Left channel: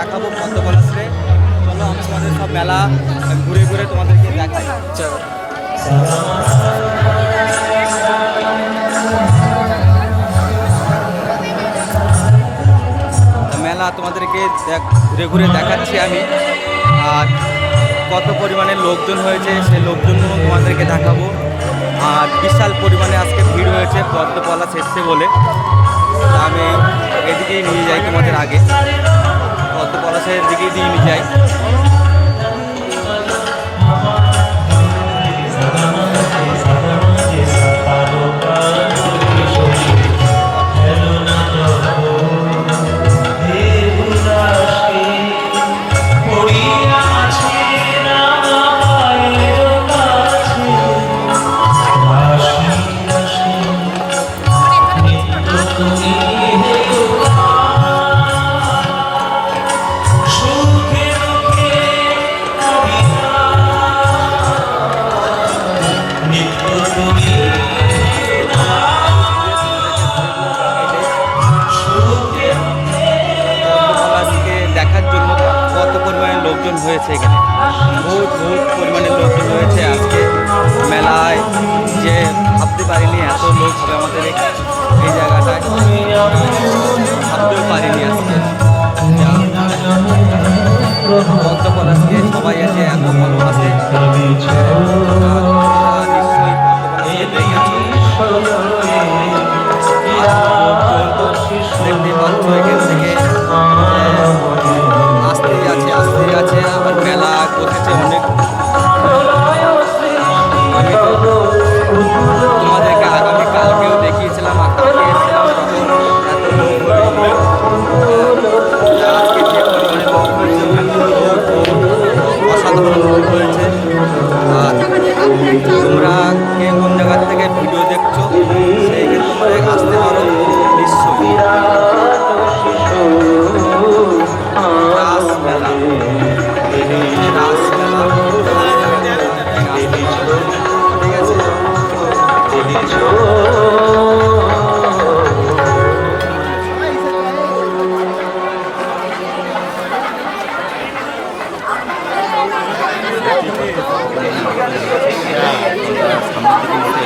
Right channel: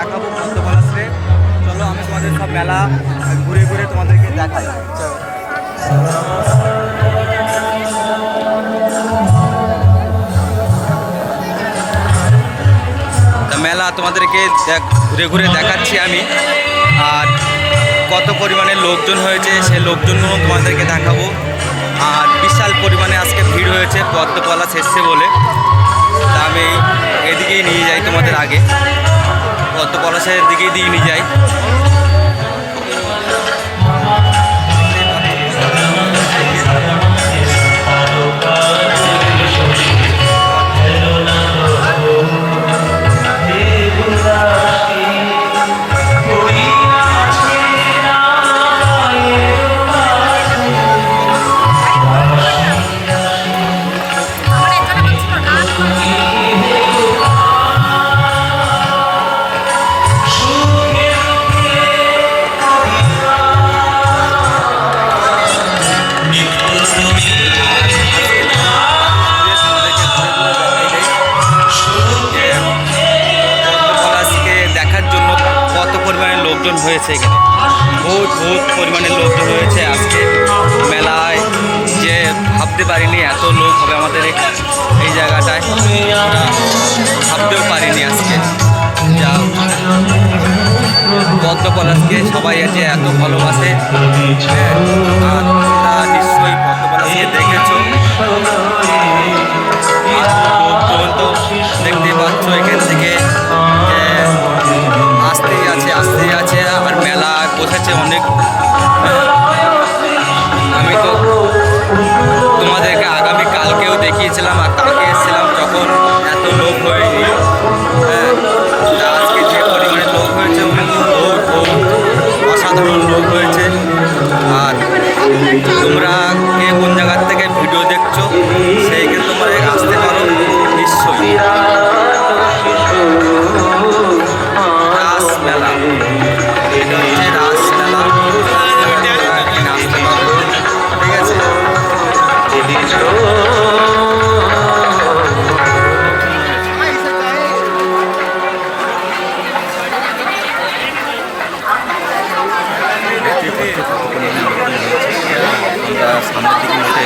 দেখাবো পদ্মপলাশে। চলো আমি তোমাদের সব মেলা ঘুরে ঘুরে তোমাদেরকে দেখাই। মেলা তোমাদেরকে ঘুরে ঘুরে দেখাচ্ছি আমি, আর কত পরিমাণে লোকজন হয়েছে সেই লোকজনগুলো তোমাদেরকে দেখাবো। আর বিশাল পরিমাণে আজকে ভিড় হয়েছে পদ্মপলাশ এসছে বলে, তা আমি এদিকেই নিয়ে যাই তোমাদের আগে, পদ্মপলাশের দিকেই দিয়ে নিয়ে যাই। দেখার জন্য কত পরিমাণে লোকজন হয়েছে এখানে, বহুত পরিমাণে লোকজন হয়েছে আজকে মেলায়, যে ভাবতে পারিনি এত লোক হবে আমাদের এই জায়গাটায়, ভাবতেও পারিনি আজকে। যা পদ্মপলাশকে সবাই যে এত ভালোবাসে, আর তোমরা নিশ্চয়ই পদ্মপলাশকে দেখেছো। লোকজন তো দেখতে পাচ্ছ এখান থেকে আসতেই আছে, আর মেলা বসেছে অনেক। আমি তো তোমাদেরকে আগামী কালকেও দেখিয়েছিলাম, আর কালকে এসেছিলাম যখন এত লোক হয়নি। আজকে যে পরিমাণে লোক হয়েছে বহুত অসাধারণ লোক হয়েছে। আর তোমরা কে কোন জায়গার থেকে ভিডিও দেখছো সেইখানে তোমরা আসতে পারো নিশ্চয়ই। রাসমেলা, এটা হচ্ছে রাসমেলা, এখানে আসতে পারো, ঠিক আছে। সামনের দিকে মধ্যে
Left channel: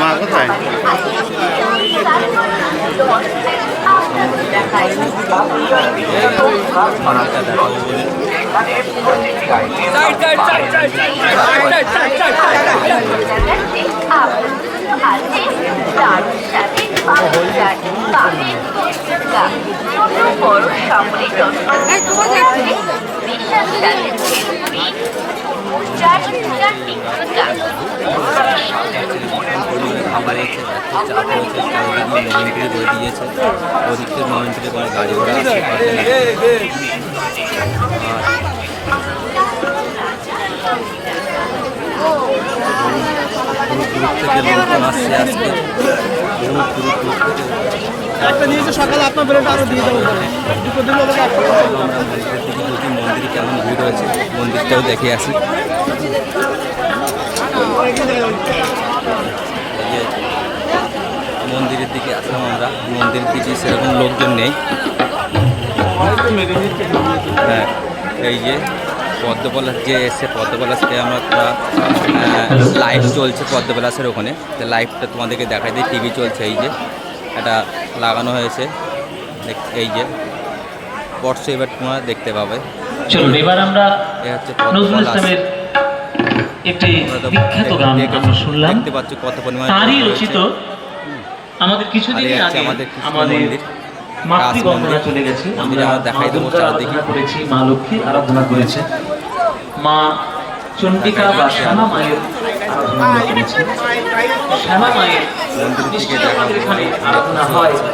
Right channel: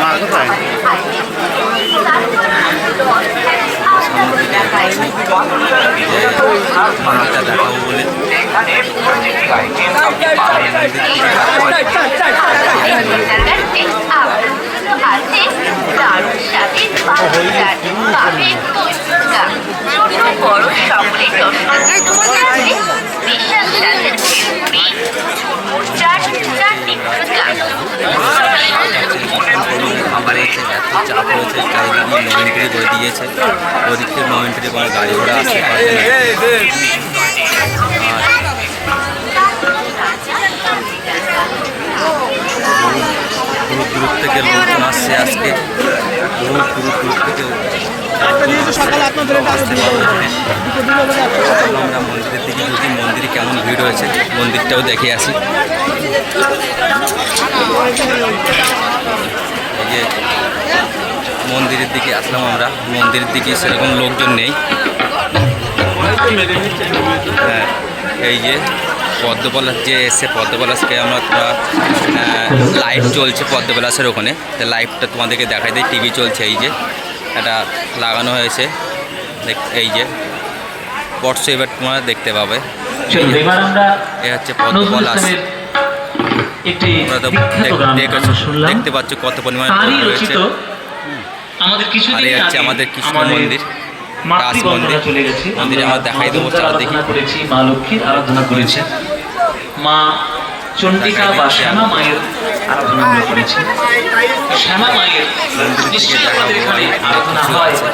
মা কোথায় মন্দিরটা দেখাবো বলে খাবারের চাপ রয়েছে, মোমেন্টারি করে দিয়েছে, ওদিক থেকে মোমেন্টারি করে গাড়ি ঘোড়া আসছে। দূর থেকে লোকজন আসছে আজকে, দূর থেকে আমরা মন্দিরের দিকে ঢুকি, মন্দিরে কেমন ভিড় হয়েছে মন্দিরটাও দেখে আসি। মন্দিরের দিকে আসলাম আমরা, মন্দিরের দিকে সেরকম লোকজন নেই। হ্যাঁ, এই যে পদ্মপলাশ যে এসছে, পদ্মপলাশকে আমরা লাইভ চলছে পদ্মপলাশের ওখানে, তো লাইভটা তোমাদেরকে দেখাই দিই। টিভি চলছে, এই যে এটা লাগানো হয়েছে, এই যে পটস এবার তোমরা দেখতে পাবে। এ হচ্ছে পদ্মপলাশ, দেখতে পাচ্ছ কত পরিমাণে রয়েছে। আর এই হচ্ছে আমাদের কৃষ্ণ মন্দির, রাস মন্দির, মন্দিরে আমরা দেখাই দেবো চারদিকে। মা লক্ষ্মীর আরাধনা করেছে, মা চণ্ডিকা বা শ্যামা মায়ের আরাধনা আমরা করেছি। শ্যামা মায়ের মন্দিরের দিকে দেখাবো, অনেক কিছু আছে।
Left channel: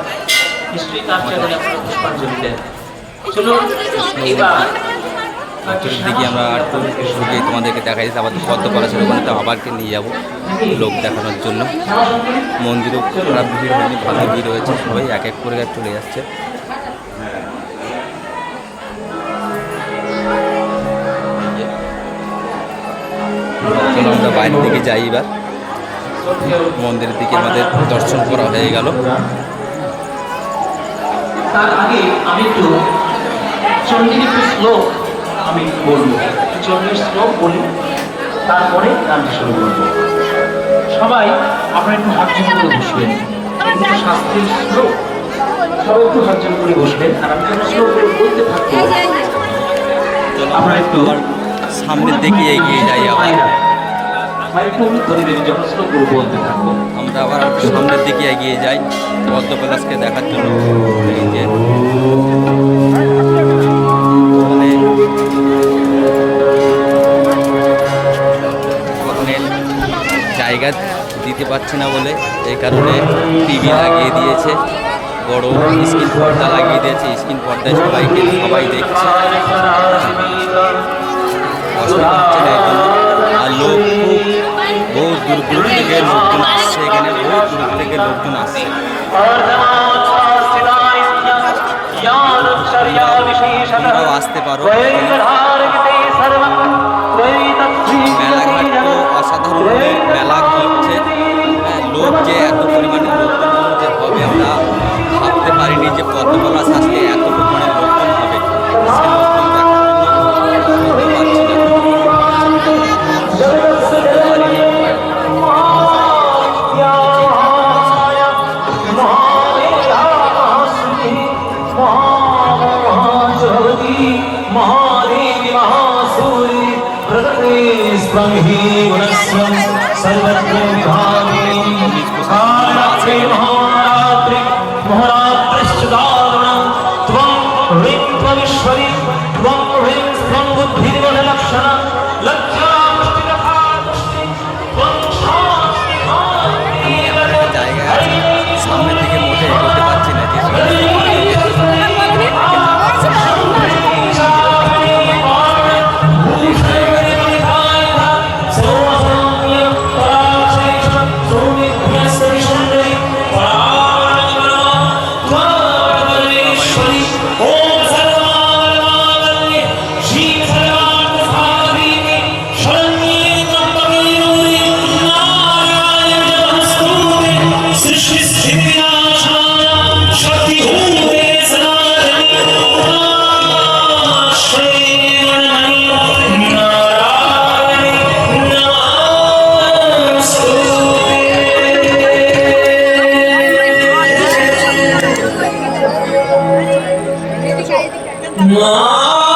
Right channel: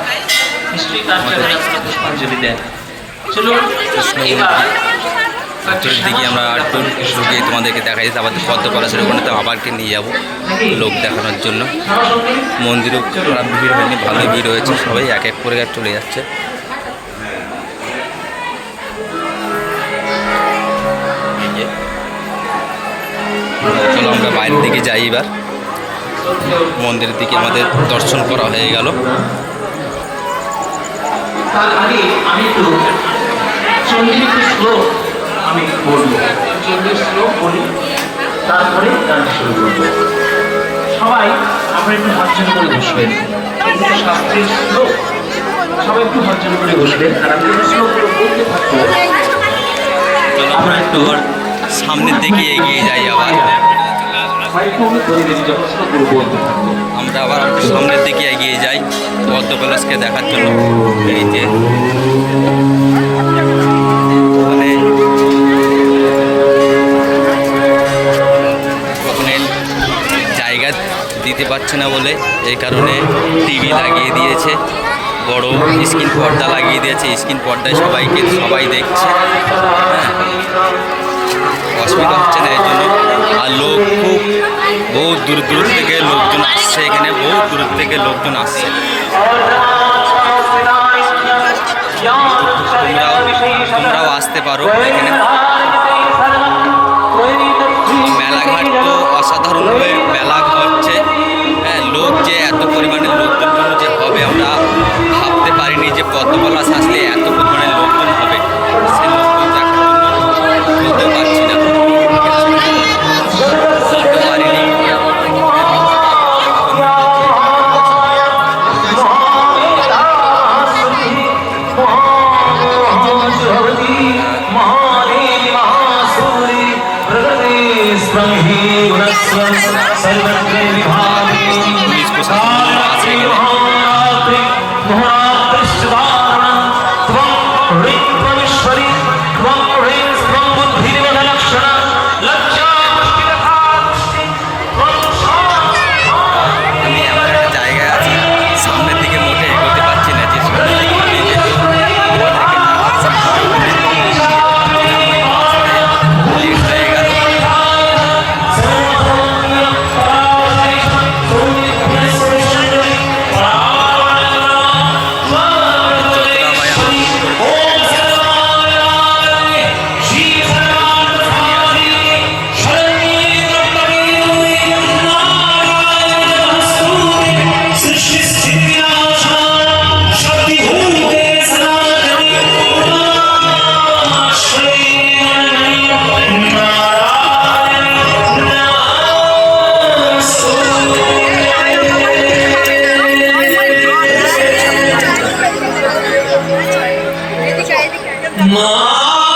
ভিতরের দিকে আমরা একটু ঢুকে তোমাদেরকে দেখাই দিতে, আবার পদ্মপলাশের ওখানে তো আবারকে নিয়ে যাবো লোক দেখানোর জন্য। মন্দিরও খারাপ ভিড় হয়নি, ভালোই ভিড় হয়েছে, সবাই এক এক করে চলে যাচ্ছে। চলো আমরা বাইরের দিকে যাই এবার। মন্দিরের দিকে আমাদের দর্শন করা হয়ে গেল। তার আগে আমি একটু চণ্ডীর একটু শ্লোক আমি বলবো, চণ্ডীর শ্লোক বলি, তারপরে গান শুরু করবো। সবাই আপনারা একটু হর্জন করে বসবেন, চণ্ডীর শাস্ত্রের শ্লোক সবাই একটু হর্জন করে বসবেন, আর আমি যখন শ্লোকগুলো বলতে থাকবো আমরা একটু সামনের দিকে এগিয়ে যাই আবার। যখন শ্লোকগুলো বলতে থাকবো আমরা আবার একটু সামনের দিকে এগিয়ে যাই পদ্মপলাশকে দেখার জন্য। এই যে ওখানে ওখানে জায়গা দিতে পারছে না বলে এই কারণে টিভি লাগিয়ে দিয়েছে, বড় স্ক্রিন পর্দা লাগিয়ে দিয়েছে। স্ক্রিন পর্দায় সবাই দেখছে, হ্যাঁ, অসুবিধা হচ্ছে না এর জন্য। আর লোক খুব বহুত দূর দূর থেকে লোকজন আসছে, এখানে বহুত দূর থেকে লোকজন আসছে। তোমরাও আসতে পারো এখানে। মেলাঘাট তো অসাধারণভাবে মেলা হচ্ছে, হ্যাঁ, লোক যে এত পরিমাণে লোকজন যে হবে আমরা ভাবতে পারিনি যে পদ্মপলাশ আসলে এত পরিমাণে লোকজন হবে। সে লোকজন দেখার জন্য বলতে পারছি না, বলতে পারিনি। পুলিশ প্রশাসন আসে গেলে আমি এমন একটা জায়গায় আছি, সামনের দিকে মোটে এগোতে পারছি না, যে সামনের দিকে আমি যে তোমাদেরকে দেখাচ্ছি লেট হয়ে গেল। Ma